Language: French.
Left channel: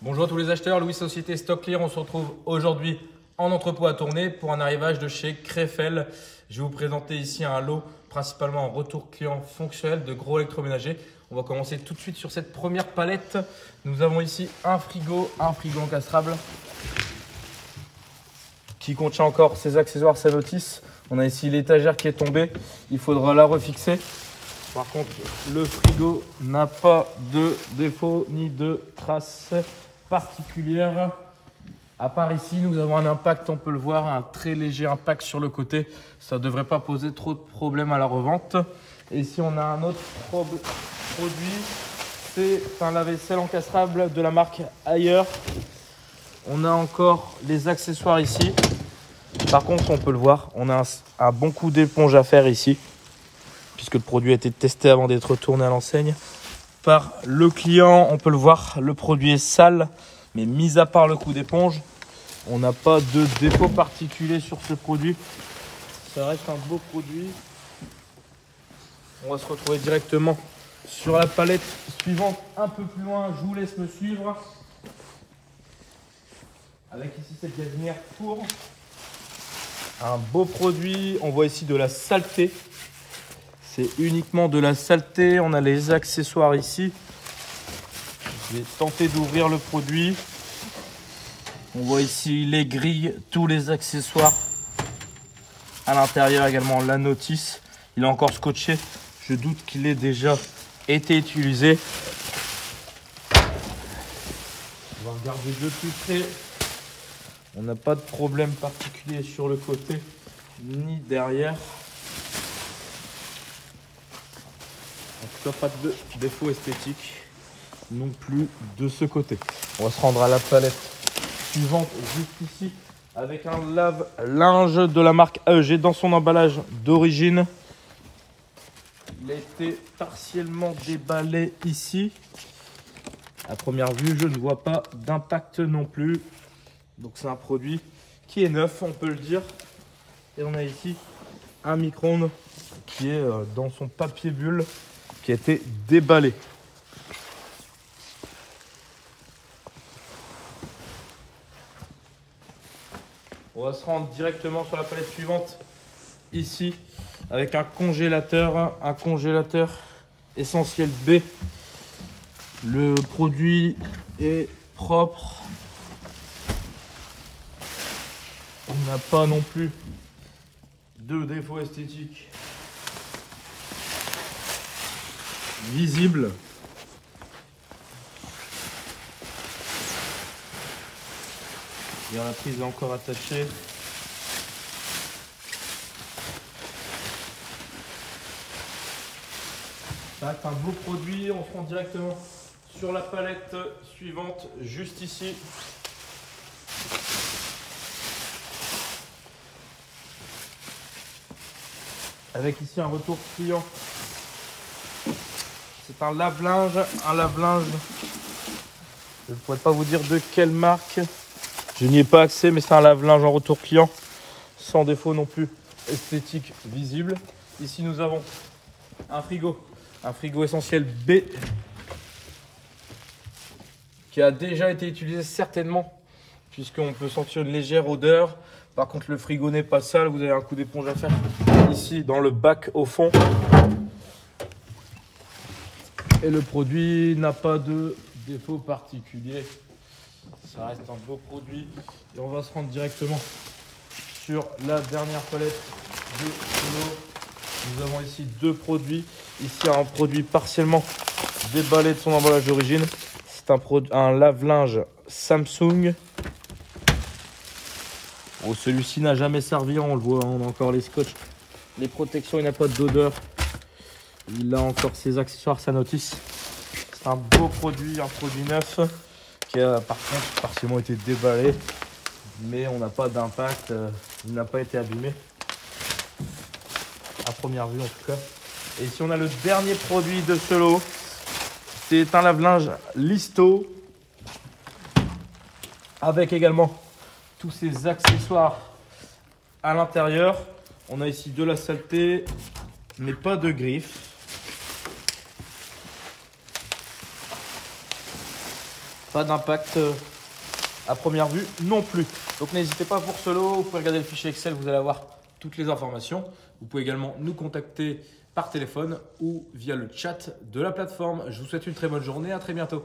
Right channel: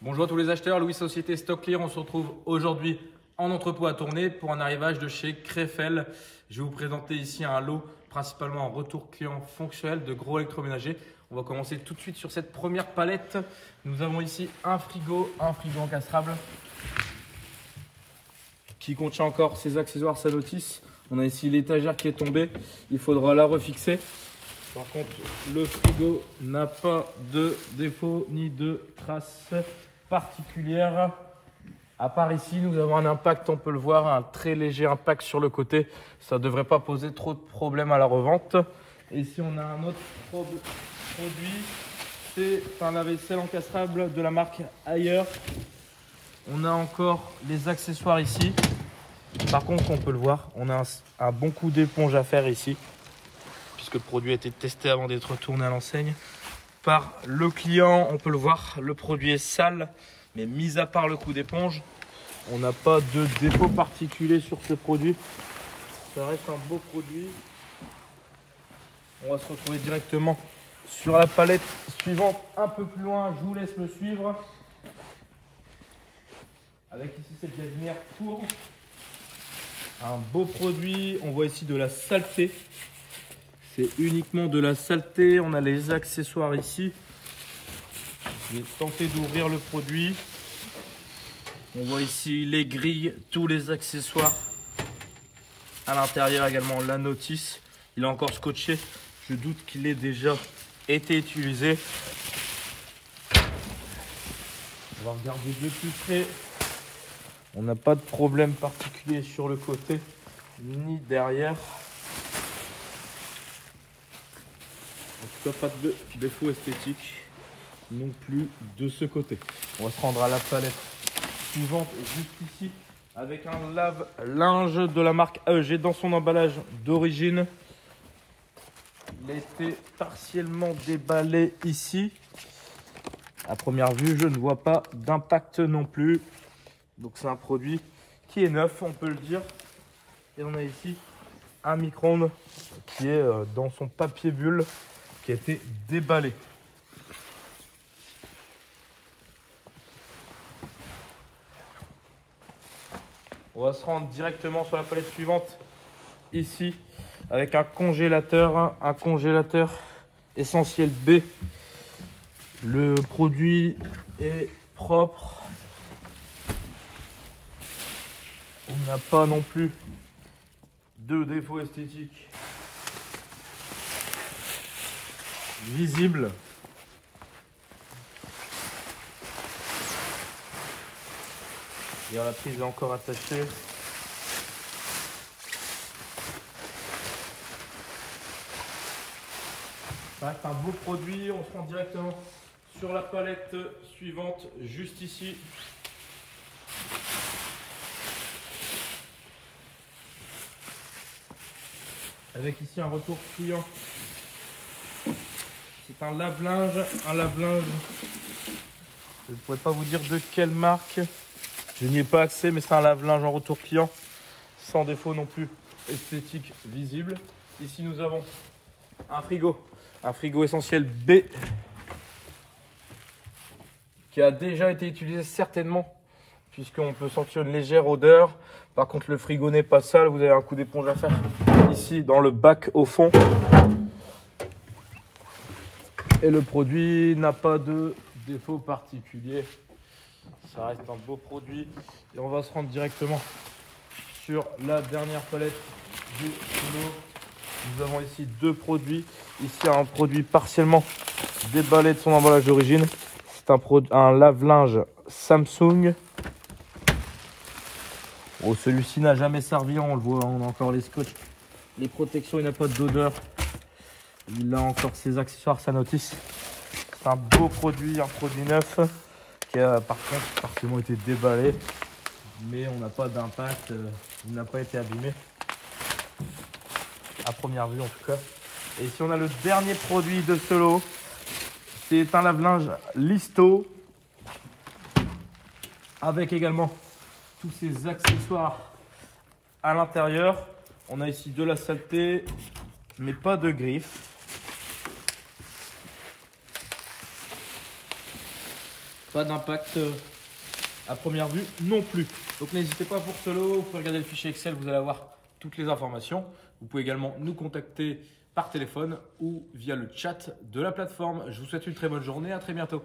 Bonjour à tous les acheteurs, Louis Société Stock Clear. On se retrouve aujourd'hui en entrepôt à Tournai pour un arrivage de chez Krefel. Je vais vous présenter ici un lot principalement en retour client fonctionnel de gros électroménagers. On va commencer tout de suite sur cette première palette. Nous avons ici un frigo encastrable qui contient encore ses accessoires Sanotis. On a ici l'étagère qui est tombée, il faudra la refixer. Par contre, le frigo n'a pas de défaut ni de traces particulières. À part ici, nous avons un impact, on peut le voir, un très léger impact sur le côté. Ça ne devrait pas poser trop de problèmes à la revente. Et ici, on a un autre produit. C'est un lave-vaisselle encastrable de la marque Ailleurs. On a encore les accessoires ici. Par contre, on peut le voir, on a un bon coup d'éponge à faire ici, puisque le produit a été testé avant d'être retourné à l'enseigne par le client. On peut le voir, le produit est sale, mais mis à part le coup d'éponge, on n'a pas de défaut particulier sur ce produit. Ça reste un beau produit. On va se retrouver directement sur la palette suivante, un peu plus loin. Je vous laisse me suivre. Avec ici cette gazinière pour un beau produit. On voit ici de la saleté. C'est uniquement de la saleté. On a les accessoires ici. Je vais tenter d'ouvrir le produit. On voit ici les grilles, tous les accessoires. À l'intérieur également la notice. Il est encore scotché. Je doute qu'il ait déjà été utilisé. On va regarder de plus près. On n'a pas de problème particulier sur le côté ni derrière. En tout cas, pas de défaut esthétique non plus de ce côté. On va se rendre à la palette suivante juste ici avec un lave-linge de la marque AEG dans son emballage d'origine. Il a été partiellement déballé ici. À première vue, je ne vois pas d'impact non plus. Donc c'est un produit qui est neuf, on peut le dire. Et on a ici un micro-ondes qui est dans son papier bulle, qui a été déballé. On va se rendre directement sur la palette suivante, ici, avec un congélateur Essentiel B. Le produit est propre. On n'a pas non plus de défaut esthétique visible. Et la prise est encore attachée. Ça reste un beau produit. On se rend directement sur la palette suivante, juste ici. Avec ici un retour client. C'est un lave-linge. Je ne pourrais pas vous dire de quelle marque. Je n'y ai pas accès, mais c'est un lave-linge en retour client. Sans défaut non plus esthétique visible. Ici nous avons un frigo Essentiel B. Qui a déjà été utilisé certainement. Puisqu'on peut sentir une légère odeur. Par contre, le frigo n'est pas sale. Vous avez un coup d'éponge à faire ici dans le bac au fond. Et le produit n'a pas de défaut particulier. Ça reste un beau produit. Et on va se rendre directement sur la dernière palette de lot. Nous avons ici deux produits. Ici, un produit partiellement déballé de son emballage d'origine. C'est un lave-linge Samsung. Bon, celui-ci n'a jamais servi, on le voit, on a encore les scotch, les protections, il n'a pas d'odeur. Il a encore ses accessoires Sanotis. C'est un beau produit, un produit neuf qui a par contre partiellement été déballé, mais on n'a pas d'impact, il n'a pas été abîmé. À première vue en tout cas. Et ici on a le dernier produit de ce lot. C'est un lave-linge Listo avec également tous ces accessoires à l'intérieur. On a ici de la saleté, mais pas de griffes. pas d'impact à première vue non plus. Donc n'hésitez pas pour ce lot, vous pouvez regarder le fichier Excel, vous allez avoir toutes les informations. Vous pouvez également nous contacter par téléphone ou via le chat de la plateforme. Je vous souhaite une très bonne journée, à très bientôt.